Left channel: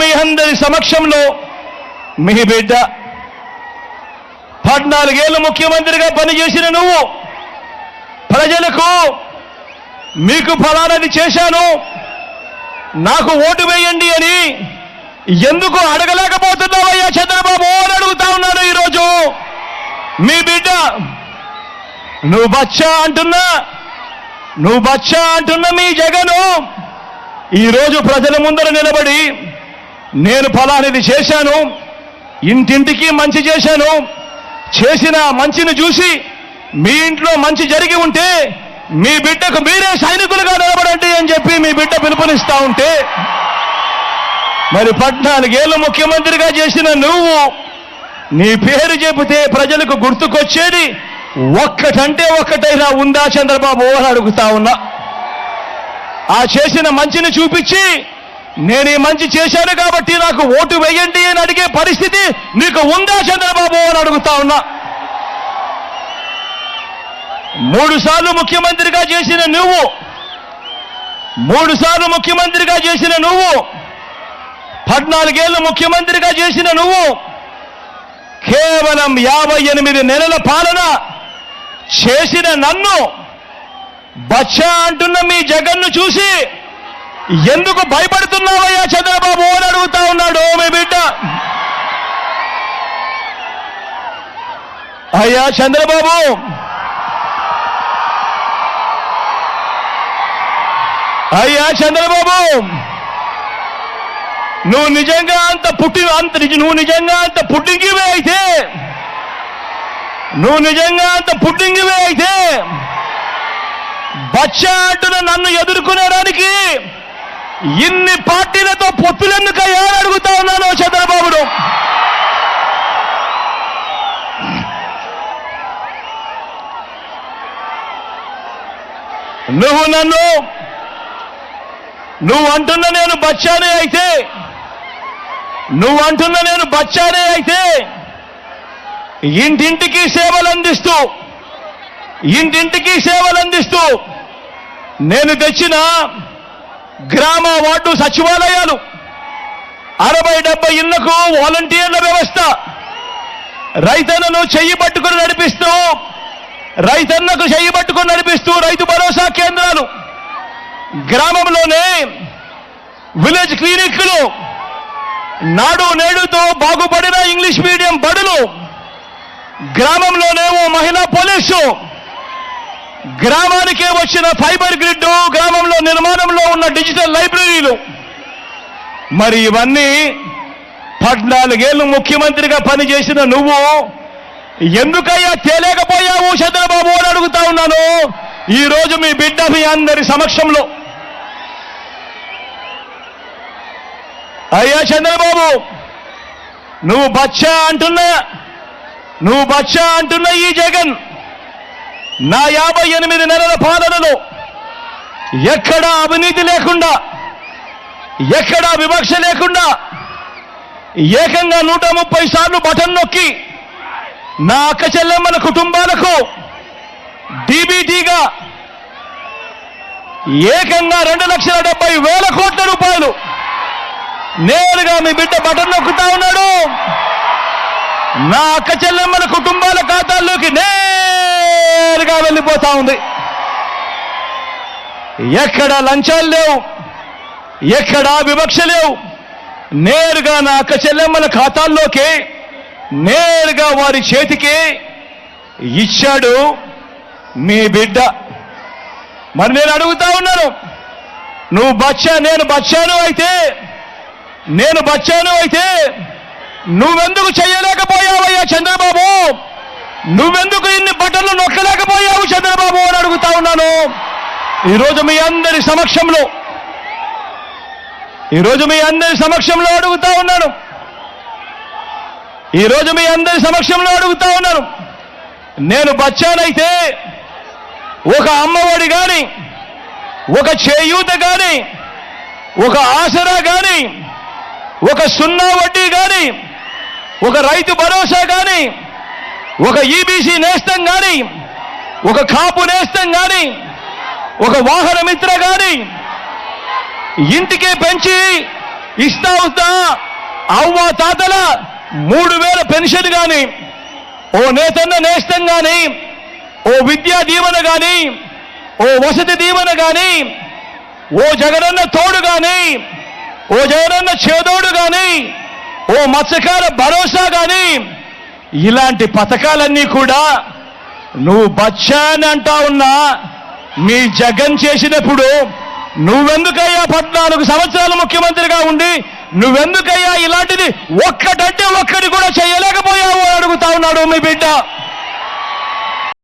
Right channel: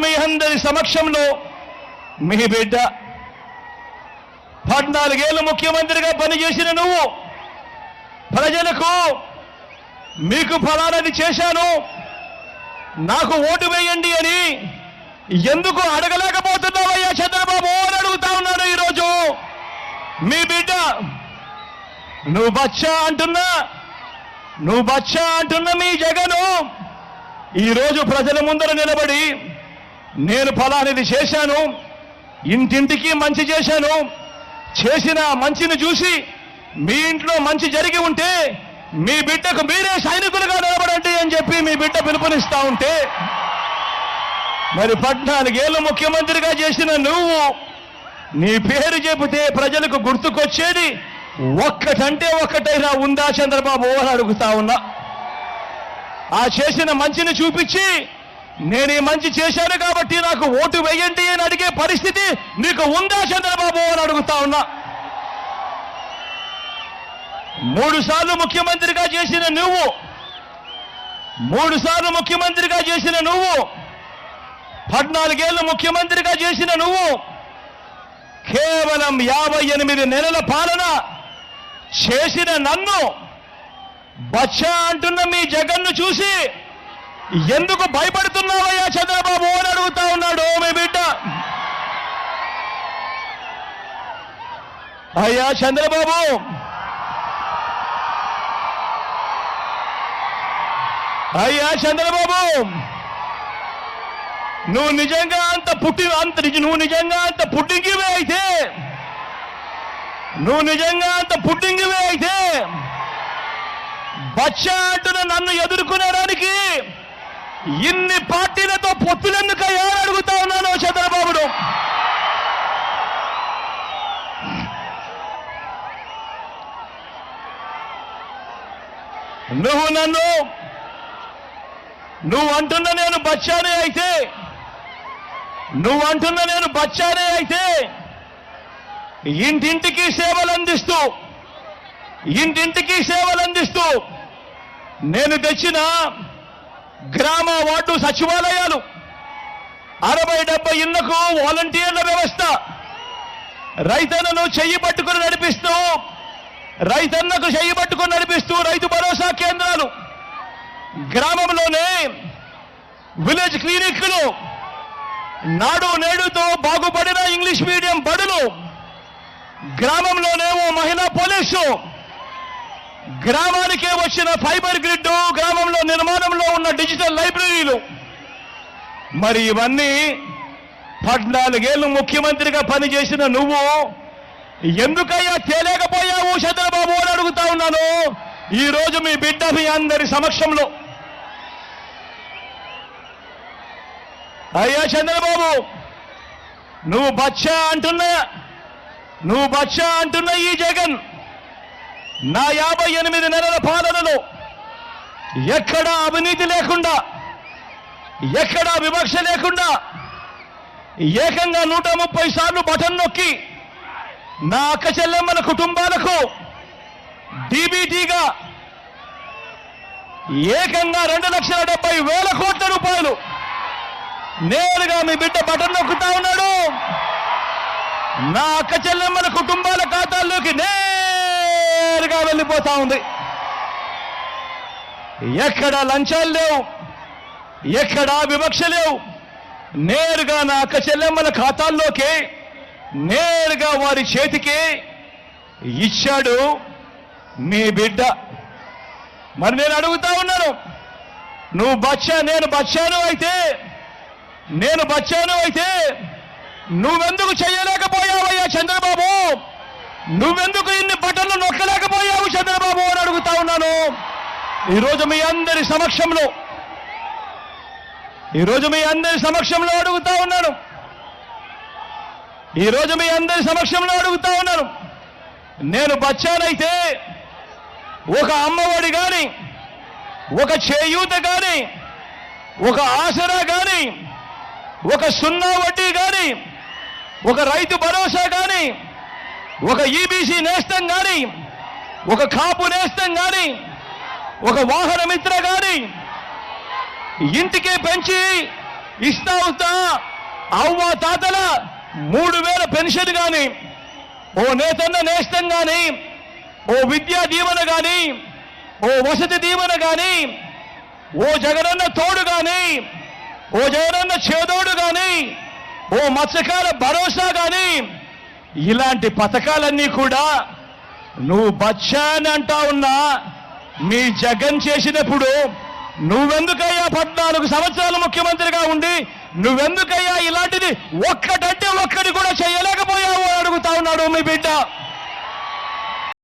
మీ అందరి సమక్షంలో మీ బిడ్డ 14 ఏళ్ళు ముఖ్యమంత్రిగా పనిచేసిన నువ్వు ప్రజలకు మీకు ఫలానాది చేశాను నాకు ఓటు వేయండి అని ఎందుకు అడగలేకపోతున్నావయ్యా చంద్రబాబు అని అడుగుతా ఉన్నాను ఈరోజు మీ బిడ్డ. నువ్వు బచ్చా అంటున్నా మీ జగను ఈరోజు ప్రజల ముందర నిలబడి నేను ఫలానిది చేశాను, ఇంటింటికి మంచి చేశాను, చేసిన మంచిని చూసి మీ ఇంట్లో మంచి జరిగి ఉంటే మీ బిడ్డకు మీరే సైనికులుగా నిలబడండి అని చెప్పి మీ బిడ్డ పిలుపునిస్తా ఉంటే, మరి 14 ఏళ్ళు ముఖ్యమంత్రిగా చేసిన నువ్వు నీ పేరు చెబితే ప్రజలకు గుర్తుకొచ్చేది ఒక్కటంటే ఒక్కటైనా ఉందా చంద్రబాబు అని అడుగుతా ఉన్నా. ఆ చేసిన మంచిని చూపించి నేను ఈ మంచి చేశాను కాబట్టి నాకు ఓటు వేయండి అని అడిగే పరిస్థితి నీకు ఉందా చంద్రబాబు అని అడుగుతా ఉన్నా. 3 సార్లు ముఖ్యమంత్రిగా చేసిన నువ్వు 14 ఏళ్ళు ముఖ్యమంత్రిగా చేసిన నువ్వు కేవలం 58 నెలల పాలన చేసిన నన్ను బచ్చా అంటున్న మీ జగన్ను చూసి ఎందుకు భయపడుతున్నావయ్యా చంద్రబాబు అని అడుగుతా ఉన్నాడు మీ బిడ్డ. అయ్యా చంద్రబాబు, నువ్వు నిజంగా అంత పుట్టింగివే అయితే బచ్చా అంటున్న నన్ను ఎదుర్కొనడానికి ఇన్ని పార్టీలతో పొత్తులెందుకయ్యా అడుగుతా ఉన్నాను చంద్రబాబును. నువ్వు అంటున్న నేను బచ్చానే అయితే ఇంటింటికి సేవలు అందిస్తూ నేను తెచ్చిన గ్రామ వార్డు సచివాలయాలు 60-70 ఇళ్లకు వాలంటీర్ల వ్యవస్థ, రైతన్నకు చెయ్యి పట్టుకుని నడిపిస్తూ రైతు భరోసా కేంద్రాలు, గ్రామంలోనే విలేజ్ క్లినిక్లు, నాడు నేడుతో బాగుపడిన ఇంగ్లీష్ మీడియం బడులు, గ్రామంలోనే ఓ మహిళా పోలీసు, గ్రామానికే వచ్చిన ఫైబర్ గ్రిడ్, గ్రామంలో నిర్మాణంలో ఉన్న డిజిటల్ లైబ్రరీలు. మరి ఇవన్నీ 14 ఏళ్ళు ముఖ్యమంత్రిగా పనిచేసిన నువ్వు ఎందుకయ్యా తేలేకపోయావు చంద్రబాబు అని అడుగుతా ఉన్నాను ఈరోజు మీ బిడ్డ మీ అందరి సమక్షంలో. అయ్యా చంద్రబాబు, నువ్వు బచ్చా అంటున్న ఈ జగన్ నా 58 నెలల పాలనలో ఎక్కడా అవినీతి లేకుండా, ఎక్కడా వివక్ష లేకుండా ఏకంగా 130 సార్లు బటన్ నొక్కి నా అక్క చెల్లెమ్మల కుటుంబాలకు డీబీటీగా ఏకంగా 2,70,000 కోట్ల రూపాయలు నేరుగా మీ బిడ్డ బటన్ నొక్కుతా ఉన్నాడు. నా అక్క చెల్లెమ్మల కుటుంబాల ఖాతాల్లోకి నేరుగా వెళ్ళిపోతా ఉంది. ఎక్కడ లంచాలు లేవు, ఎక్కడా వివక్ష లేవు. నేరుగా నా అక్క చెల్లెమ్మల ఖాతాల్లోకి నేరుగా వారి చేతికి ఇచ్చాడు మీ బిడ్డ. మరి నేను అడుగుతా ఉన్నాను, నువ్వు నేను బచ్చాను అయితే నువ్వెందుకు చెయ్యలేకపోయావయ్యా చంద్రబాబు? నువ్వెందుకు ఇన్ని బట్టలు నొక్కలేకపోయావు చంద్రబాబు అని అడుగుతా ఉన్నాను ఈరోజు మీ అందరి సమక్షంలో అడుగుతా ఉన్నాను. నేను బచ్చానైతే ఒక అమ్మఒడి గాని, ఒక చేయూత గాని, ఒక ఆసరా గాని, ఒక 0 వడ్డీ గాని, ఒక రైతు భరోసా గాని, ఒక ఈబీసీ నేస్తం గాని, ఒక కాపు నేస్తం గాని, ఒక వాహన మిత్ర గాని ఇంటికే పెంచి ఇస్తా అవ్వ తాతల 3000 పెన్షన్ గాని, ఓ నేతన్న నేస్తం గాని, ఓ విద్యా దీవెన గాని, ఓ వసతి దీవెన గాని, ఓ జగనన్న తోడు గాని, ఓ జగనన్న చేదోడు గాని, ఓ మత్స్యకార భరోసా గాని, ఇలాంటి పథకాలన్నీ కూడా నువ్వు బచ్చా అని అంటా ఉన్నా మీ జగన్ చేసినప్పుడు నువ్వెందుకయ్యా 14 సంవత్సరాలు ముఖ్యమంత్రిగా ఉండి నువ్వెందుకయ్యా ఇలాంటిది ఒక్కటంటే ఒక్కటి కూడా చేయలేకపోయావు అడుగుతా ఉన్నాడు మీ బిడ్డ.